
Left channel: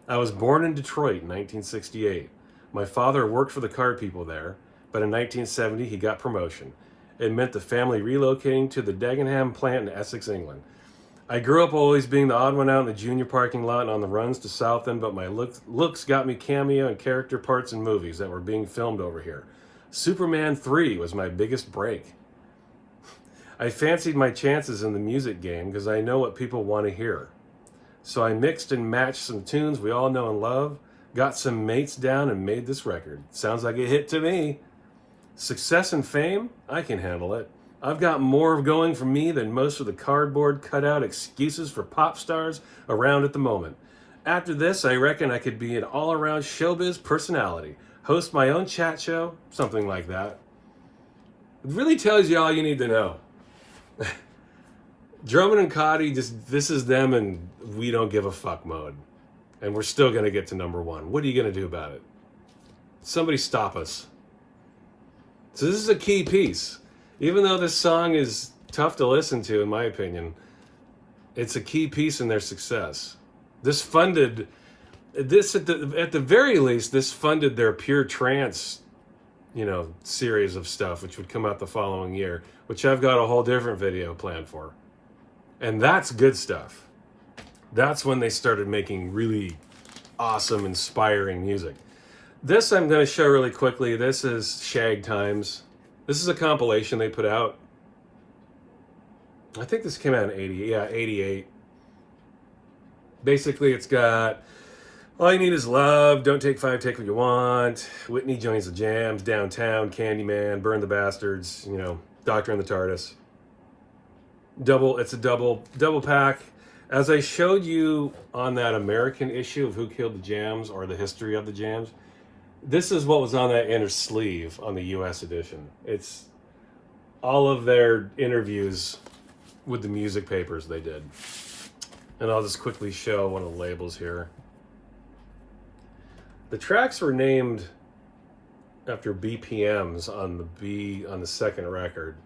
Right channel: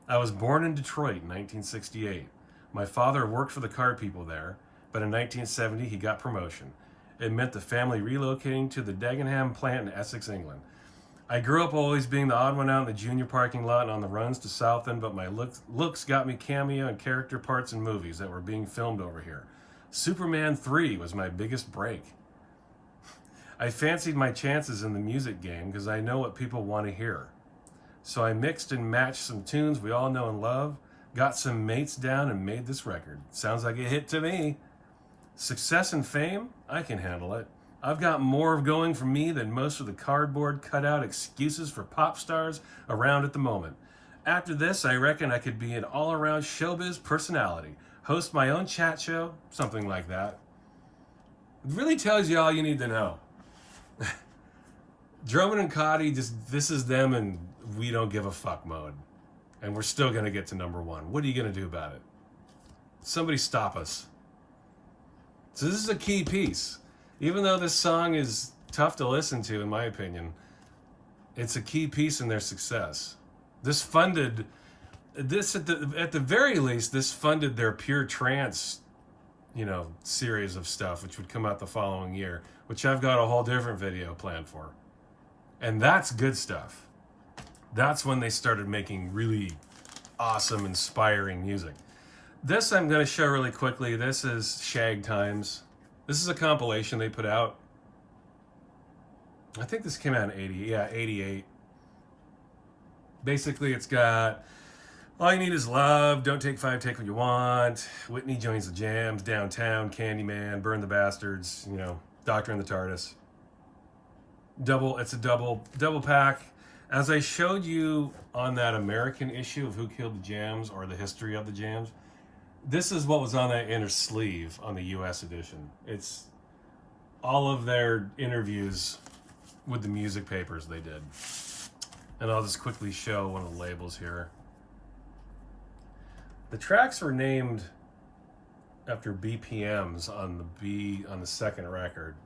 I was born in Detroit in 1968. My father worked for the car people there, but in 1970 he got promotion. It meant the family relocating to the Dagenham plant in Essex, England. I grew up always being the odd one out in the junior parking lot and on the runs to Southend, but my looks got me cameo and character parts in movies that were being filmed over here. Superman 3 was my biggest break. I fancied my chances in the music game because I know what people want to hear. So I mixed and matched some tunes we all know and love, got some mates down and made this record. Sounds like a hit to me. Success and fame? I can handle it. I've got more going for me than most of the cardboard cutout excuses for pop stars around at the moment. After this, I reckon I could be an all-around showbiz personality, host my own chat show, something like that. It really tells you all you need to know. Drummond and Cauty, this is them and we don't give a fuck mode. And we're still going to get to number one. What are you going to do about it? Somebody stop us. So this is a key piece. Even though this song is tough to listen to, in my opinion, it's a key piece in their success. This funded, this at the very least, this funded their pure trance, series of stuff, which would come out the following year, which I've got a whole different video planned for. And that's good stuff. That's when they started making really awesome, inspiring music. This I'm going to show really quickly. This is Shag Times. This is a compilation they put out. I think this came out in 88. Basically, it's got All You Need Is Love, Don't Take Five, Take What You Want, Whitney Joins the Jams, Downtown, Candyman, Burn the Bastards, Doctor and the TARDIS. It's a double pack. As I showed you on that American issue of Who Killed the Jams, or the history of the Jams, this is what was on that inner sleeve on the US edition. It's all of their interviews with the music papers they did. And I'll just quickly show one of the labels here. The tracks were named after BPMs on the second record.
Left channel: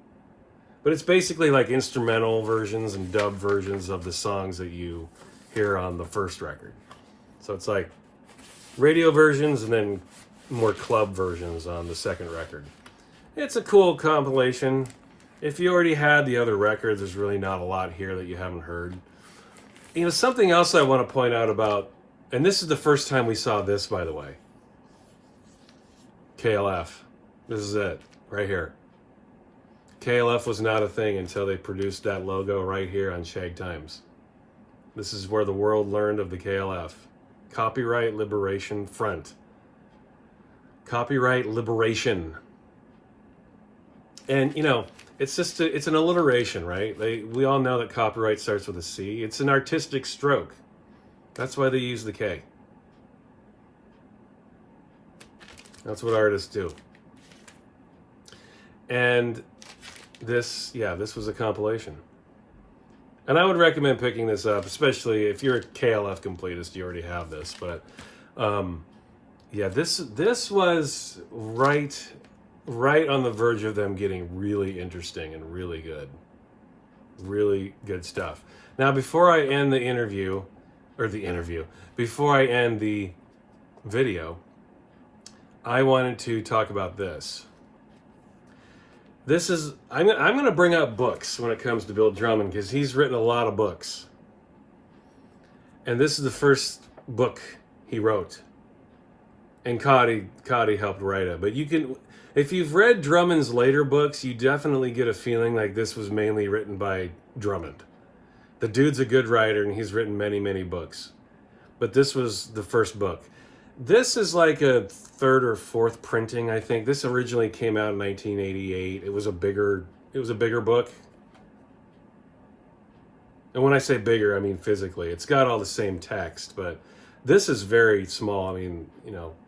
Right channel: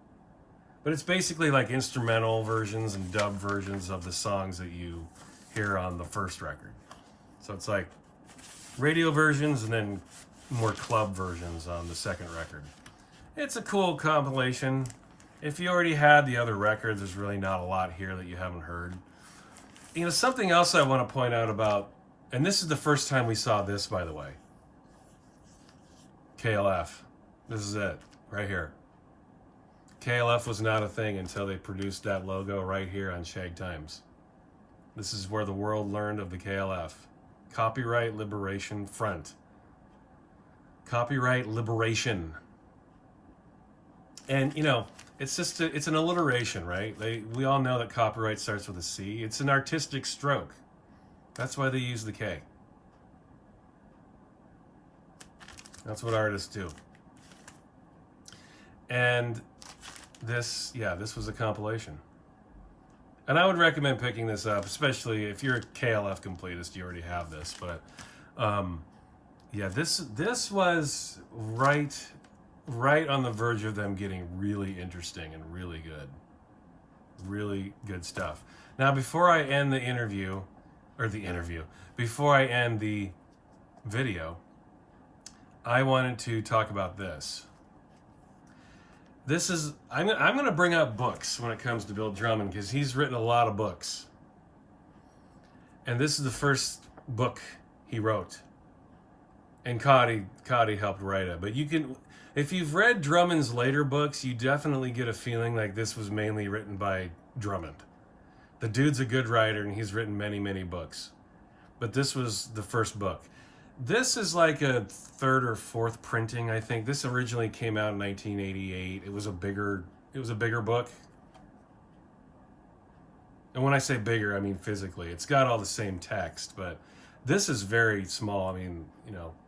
But it's basically like instrumental versions and dub versions of the songs that you hear on the first record. So it's like radio versions and then more club versions on the second record. It's a cool compilation. If you already had the other records, there's really not a lot here that you haven't heard. Something else I want to point out about, and this is the first time we saw this, by the way. KLF. This is it, right here. KLF was not a thing until they produced that logo right here on Shag Times. This is where the world learned of the KLF. Copyright Liberation Front. Copyright Liberation. And, it's an alliteration, right? We all know that copyright starts with a C. It's an artistic stroke. That's why they use the K. That's what artists do. And this was a compilation. And I would recommend picking this up, especially if you're a KLF completist, you already have this. But this was right on the verge of them getting really interesting and really good. Really good stuff. Now, before I end before I end the video, I wanted to talk about this. I'm going to bring up books when it comes to Bill Drummond, because he's written a lot of books. And this is the first book he wrote. And Cauty helped write it. But if you've read Drummond's later books, you definitely get a feeling like this was mainly written by Drummond. The dude's a good writer, and he's written many, many books. But this was the first book. This is like a third or fourth printing, I think. This originally came out in 1988. It was a bigger book. And when I say bigger, I mean physically. It's got all the same text, but this is very small. I mean,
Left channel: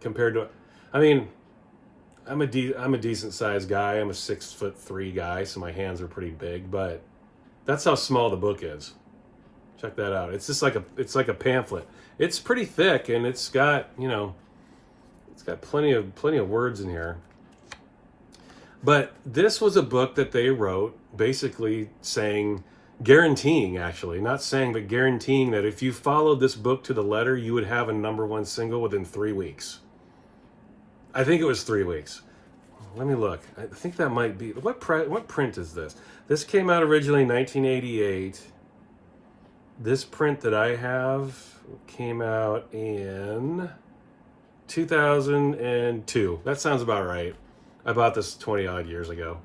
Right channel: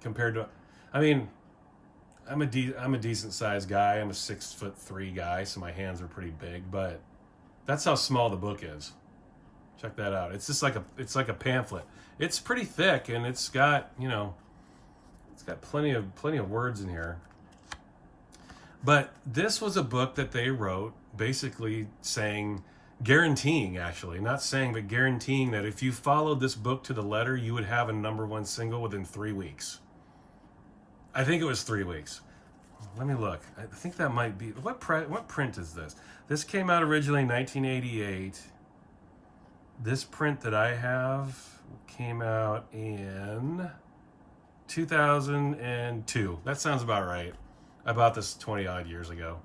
compared to, I'm a decent sized guy. I'm a 6'3" guy, so my hands are pretty big, but that's how small the book is. Check that out. It's just like a pamphlet. It's pretty thick, and it's got, it's got plenty of words in here. But this was a book that they wrote basically guaranteeing that if you followed this book to the letter, you would have a #1 single within 3 weeks. I think it was 3 weeks. Let me look. I think that might be, what print is this? This came out originally in 1988. This print that I have came out in 2002. That sounds about right. I bought this 20 odd years ago.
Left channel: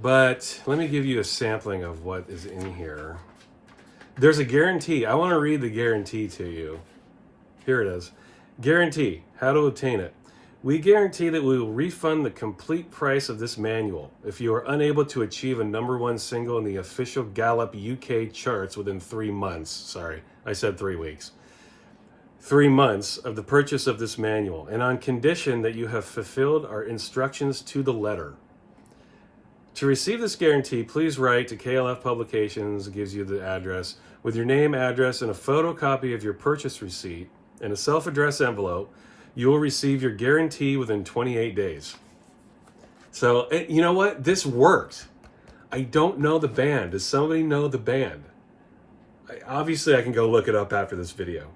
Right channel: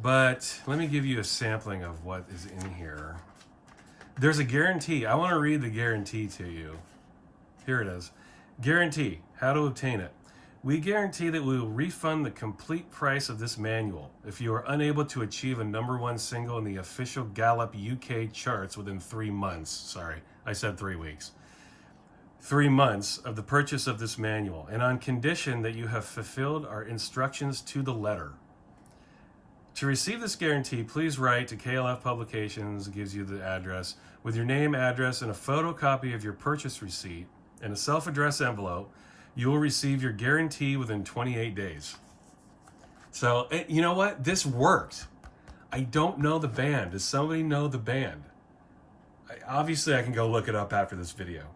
But let me give you a sampling of what is in here. There's a guarantee. I want to read the guarantee to you. Here it is. Guarantee. How to obtain it. We guarantee that we will refund the complete price of this manual if you are unable to achieve a #1 single in the official Gallup UK charts within 3 months. Sorry, I said 3 weeks. 3 months of the purchase of this manual, and on condition that you have fulfilled our instructions to the letter. To receive this guarantee, please write to KLF Publications, it gives you the address, with your name, address, and a photocopy of your purchase receipt, and a self-addressed envelope. You will receive your guarantee within 28 days. So, you know what? This worked. I don't know the band. Does somebody know the band? Obviously, I can go look it up after this video.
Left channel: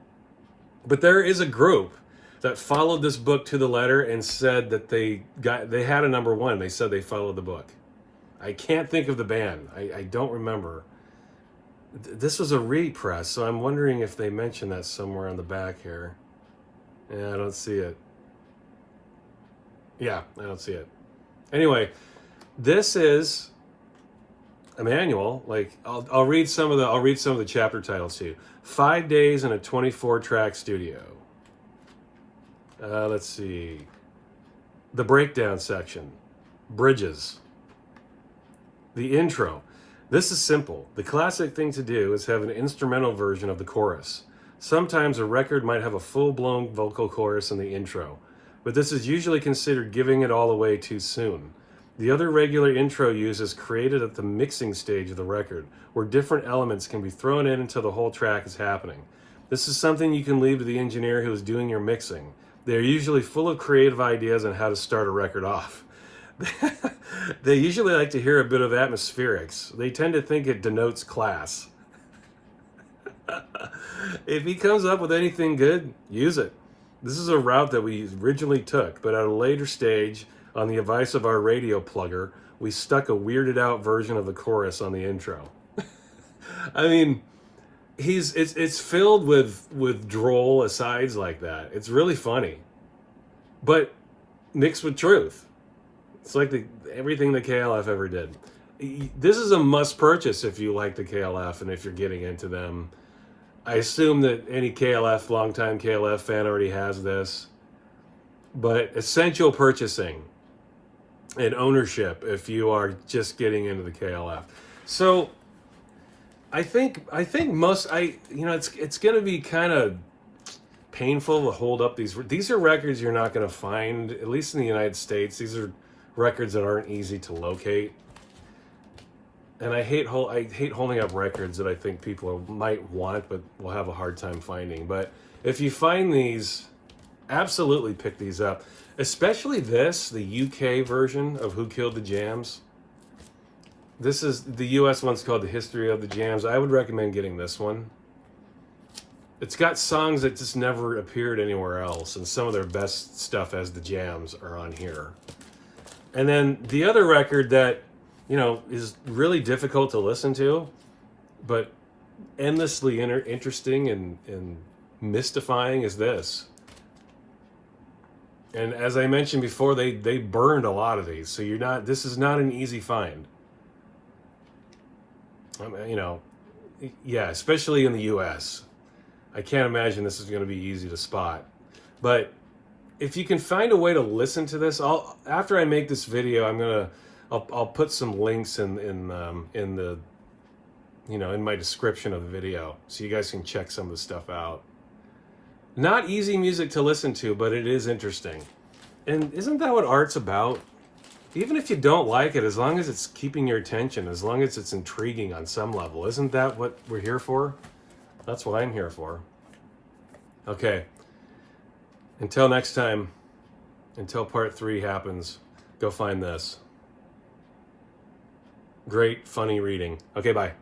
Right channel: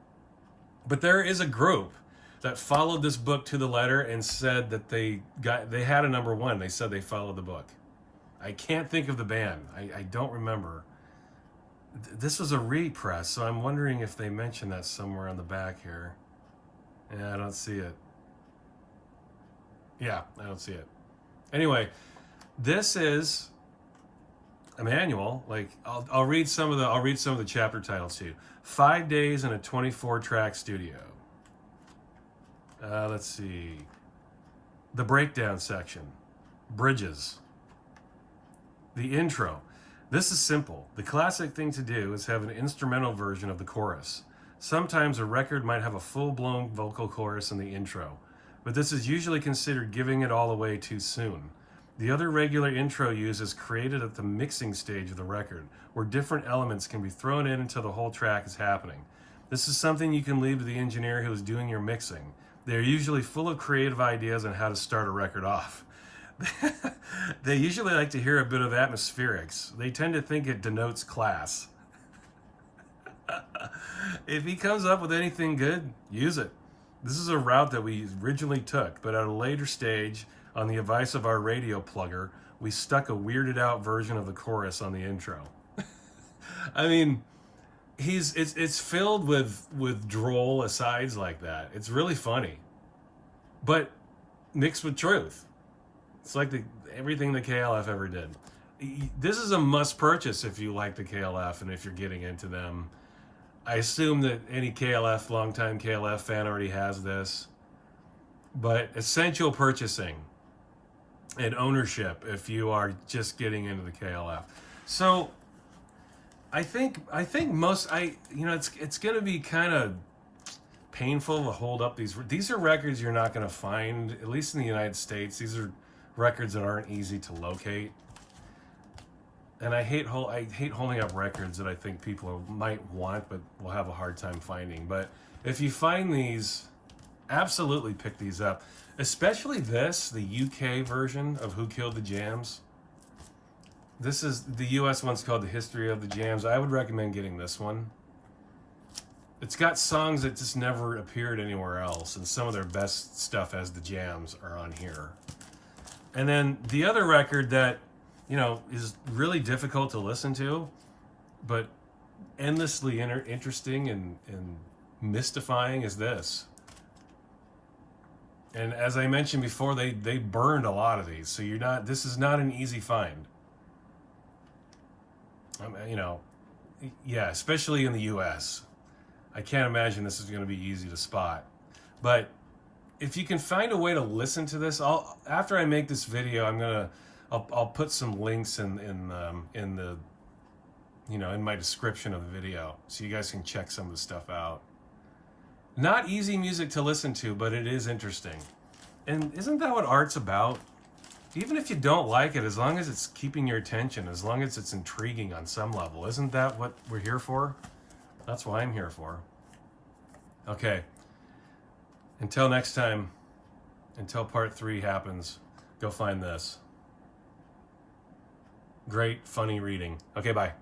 But there is a group that followed this book to the letter and said that they had a number one. They said they followed the book. I can't think of the band. I don't remember. This was a repress, so I'm wondering if they mentioned that somewhere on the back here. Yeah, I don't see it. Yeah, I don't see it. Anyway, this is a manual. Like I'll read some of the chapter titles to you. 5 days in a 24-track studio. Let's see. The breakdown section. Bridges. The intro. This is simple. The classic thing to do is have an instrumental version of the chorus. Sometimes a record might have a full-blown vocal chorus in the intro, but this is usually considered giving it all away too soon. The other regular intro use is created at the mixing stage of the record, where different elements can be thrown in until the whole track is happening. This is something you can leave to the engineer who is doing your mixing. They are usually full of creative ideas on how to start a record off. They usually like to hear a bit of atmospherics. They tend to think it denotes class. If he comes up with anything good, use it. This is a route that we originally took, but at a later stage, on the advice of our radio plugger, we stuck a weirded out version of the chorus on the intro. I mean, it's filled with droll asides like that. It's really funny, but mixed with truth. It's like everything the KLF ever did. This is a must purchase if you like the KLF and if you're getting into them. I assume that any KLF, longtime KLF fan already has this, but essential purchasing and ownership if you are just getting into the KLF. So I think it's going to be kind of painful to hold up these are records you're not going to find, at least in the United States. These are records that aren't easy to locate. And I hate holding up records that I think people might want but will have a hard time finding. But if you find these, absolutely pick these up. Especially this, the UK version of Who Killed the Jams. This is the US one's called The History of the Jams. I would recommend getting this one. It's got songs that just never appeared anywhere else, and some of their best stuff as the Jams are on here. And then the other record that, is really difficult to listen to, but endlessly interesting and mystifying is this. And as I mentioned before, they burned a lot of these, so this is not an easy find. Yeah, especially in the US. I can't imagine this is going to be easy to spot. But if you can find a way to listen to this, after I make this video, I'll put some links in the in my description of the video, so you guys can check some of the stuff out. Not easy music to listen to, but it is interesting. And isn't that what art's about? Even if you don't like it, as long as it's keeping your attention, as long as it's intriguing on some level, isn't that what we're here for? That's what I'm here for. Okay. Until next time, until part 3 happens, go find this. Great, funny reading. Okay, bye.